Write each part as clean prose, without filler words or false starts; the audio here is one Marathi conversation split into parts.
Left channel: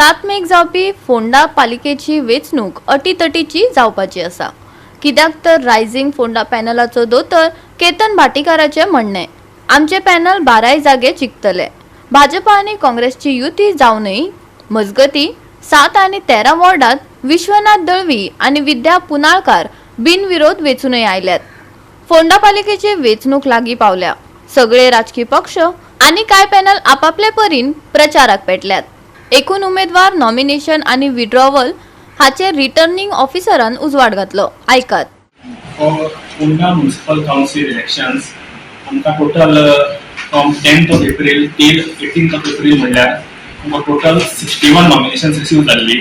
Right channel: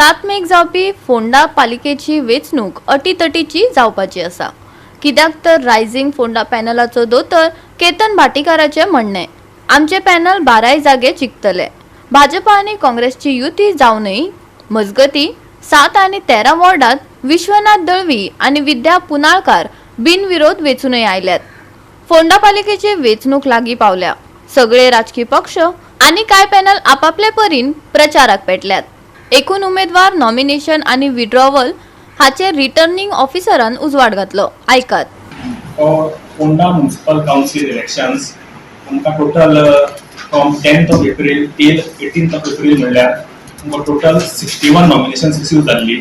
7 मेक जावपी फोंडा पालिकेची वेंचणूक अटीतटीची जावपाची आसा। कित्याक तर रायझिंग फोंडा पॅनलाचो दोतर केतन भाटीकाराचे म्हणणे, आमचे पॅनल 12 जागे जिखतले। भाजपा आनी काँग्रेसची युती जावनय मजगती 7 आनी 13 वॉर्डात विश्वनाथ दळवी आनी विद्या पुनाळकार बिनविरोध वेचूनय आयल्यात। फोंडा पालिकेची वेचणूक लागीं पावल्या। सगळे राजकीय पक्ष आनी कांय पॅनल आपापले परीन प्रचाराक पेटल्यात। एकूण उमेदवार नॉमिनेशन आणि विड्रॉवल हाचेर रिटर्निंग ऑफिसरान उजवाड घातलो। ऐकात। फोंडा म्युनिसिपल काउन्सिल इलेक्शन्स आमकां total from 10th of April till 18th of April म्हणल्यार आमकां टोटल 61 नॉमिनेशन्स रिसीव जाल्ली।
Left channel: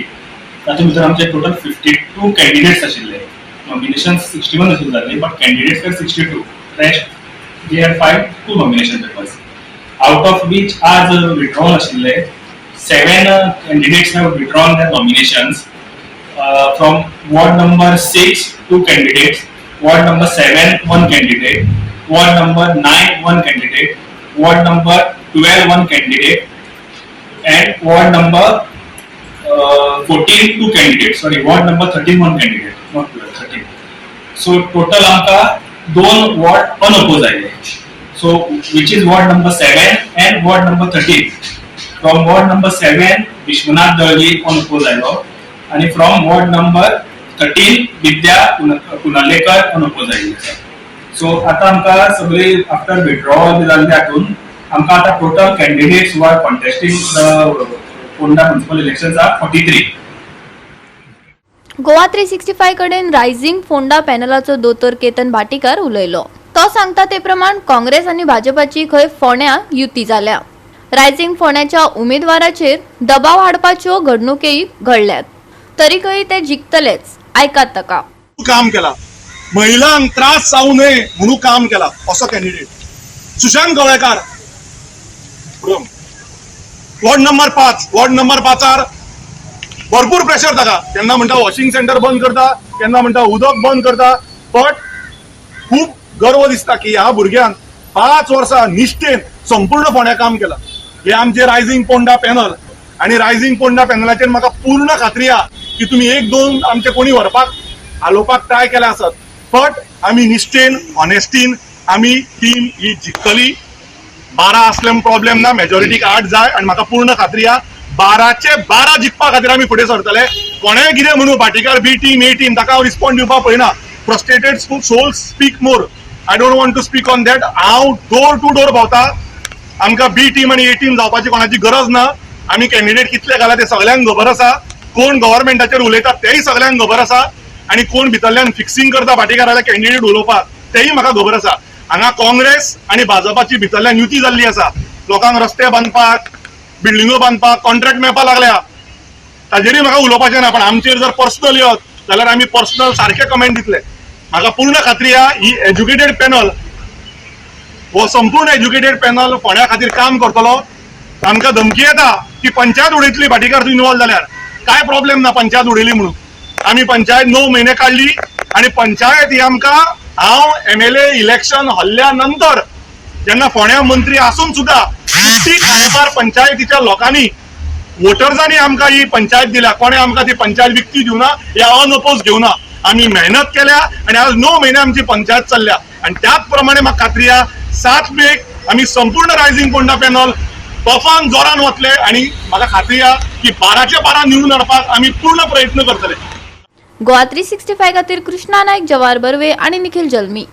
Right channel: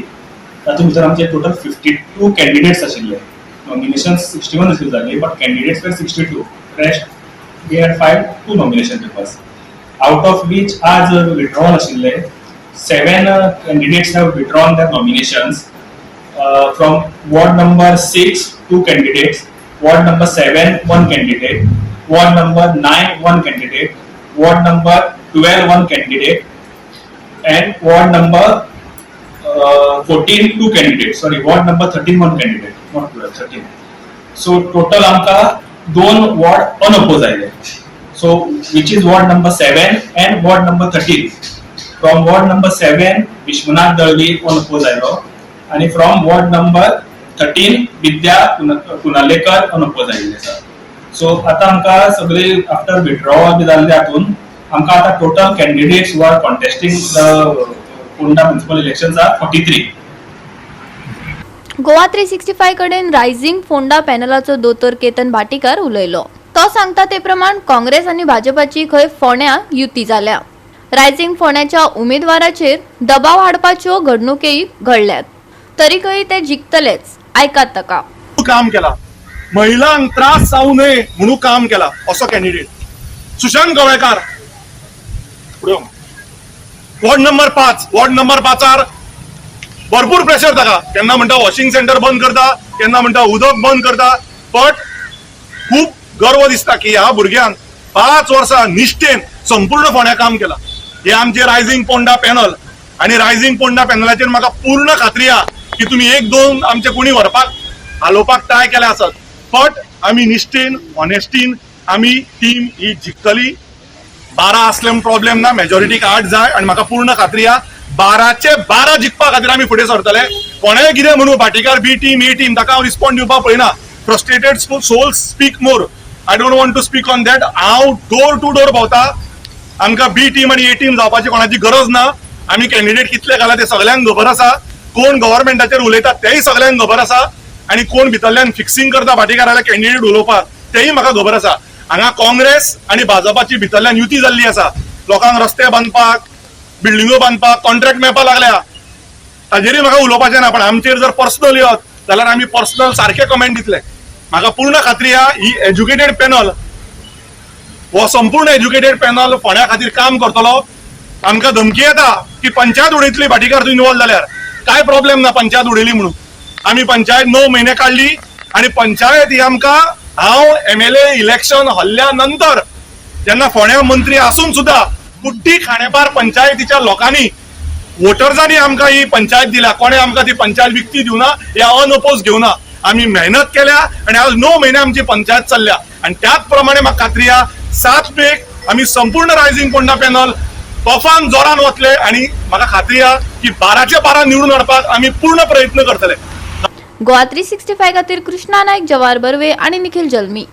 तातूंत भितर आमचे टोटल 52 कॅन्डिडेट्स आशिल्ले। नॉमिनेशन्स 61 रिसीव जाल्ली बट कॅन्डिडेट्स वर 62। Rest they had filed 2 nomination papers, out of which आज विड्रॉवल आशिल्ले 7 candidates have withdrawn their nominations. From ward number 6, 2 candidates, ward number 7, 1 candidate, ward number 9, 1 candidate, ward number 12, 1 candidate, and ward number 14, 2 candidates. Sorry, ward number 13, 1 candidate, not 12, 13. So total आमका 2 ward unopposed आयले. So which is ward number 7 and ward number 13. From ward number 7, Vishwanath Dalvi unopposed आयलो, आणि from ward number 13, Vidya पुनाळकार unopposed आयले आसा। So आता आमका सगळे आफ्टर विड्रॉवल जाल्ले हातून आमका आता total candidates who are contesting the Ponda municipal elections are 43। Goa 365 कडेन रायझिंग फोंडा पॅनलाचो दोतोर केतन भाटीकार उलयलो। तो सांगता ते प्रमाण काँग्रेस आनी भाजपाची खंय फोंड्या युती जाल्या। रायझिंग फोंड्याच्या उमेदवाराचेर दबाव हाडपाच्यो घडणुकेय घडल्यात, तरीकय ते जिखतलेच। ऐकात ताका। काम केला, महिलांक त्रास जाऊ नये म्हणून काम केला असो candidate Sushant Gawlekar. Ward number 5, ward number 5 भरपूर प्रेशर ताका, केन्ना म्हणटा वॉशिंग सेंटर बंद करता, केन्ना म्हणटा उदक बंद करता, बट खूप गर्व दिसता की ह्या भुरग्यांक 5 वर्सां निश्ठेन संपूर्ण फोंड्या काम केला। हे आमचे रायझिंग फोंडा पॅनल, आणि रायझिंग फोंडा पॅनलाचेर म्हाका पूर्ण खात्री आहा की तुम्ही 1-2 आमचे कोणी व्हरपाक हालोवपाक ट्राय केले आसत, बट आमी निश्ठेन ऑनेस्टीन आमी टीम ही जिखतली। 12 असल्यान प्रॉब्लेम ना, मेजॉरिटीक 8 जाय, आणि म्हाका पूर्ण खात्री आहा 12चे 12 जिखपा खातीर आमी फुडें सरतले। कोणेय कितें म्हणू, Bhatikar B team A team, ताका हांव रिस्पॉन्ड दिवपाक पळयना। Frustrated souls speak more, I don't want to speak on that. हांव डोर टू डोर भोंवता, आमकां बी टीम आनी ए टीम जावपाची कोणाची गरज ना। आमी कॅन्डिडेट कितले घाला ते सगळ्यांक खबर आसा, कोण गव्हर्नमेंटाचेर उलयता तेय सगळ्यांक खबर आसा, आणि कोण भितरल्यान फिक्सिंग करता भाटीकाराला कॅन्डिडेट उलोवपाक तेय म्हाका खबर आसा। हांगा काँग्रेस आनी भाजपाची भितरल्यान युती जाल्ली आसा। लोकांक रस्ते बांदपाक, बिल्डिंगो बांदपाक कॉन्ट्रॅक्ट मेळपाक लागल्या, ताजेरूय म्हाका उलोवपाचें ना, पण आमचेर जर पर्सनल येत जाल्यार आमी पर्सनल सारखे कमेंट दितले। म्हाका पूर्ण खात्री आहा ही एज्युकेटेड पॅनल, हो संपूर्ण एज्युकेटेड पॅनल फोंड्या खातीर काम करतलो। आमकां धमकी येता की पंचायत उडयतली भाटीकार तूं इन्वॉल्व जाल्यार, काय प्रॉब्लेम ना पंचायत उडयली म्हणून। आमी पंचायत 9 महिने काढली, आणि पंचायत ही आमकां हांव MLA इलेक्शन हल्ल्या नंतर जेन्ना फोंड्या मंत्री आसून सुद्धा ती खांडेपार पंचायतीच्या लोकांनी वोटर्सांनी आमकां ही पंचायत दिल्या, कोणे आमकां ती पंचायत विकती दिवना या अनओपोज घेवना। आमी मेहनत केल्या आणि आज 9 महिने आमची पंचायत चल्ल्या, आणि त्याच प्रमाणे म्हाका खात्री आहा 7 मेक आमी संपूर्ण रायझिंग फोंडा पॅनल तोफान जोरान वतले, आणि म्हाका खात्री आहा की 12चे 12 निवडून हाडपाक आमी पूर्ण प्रयत्न करतले। गोवा 365 खातीर कृष्णा नायक, जवाहर बर्वे आणि निखिल जल्मी।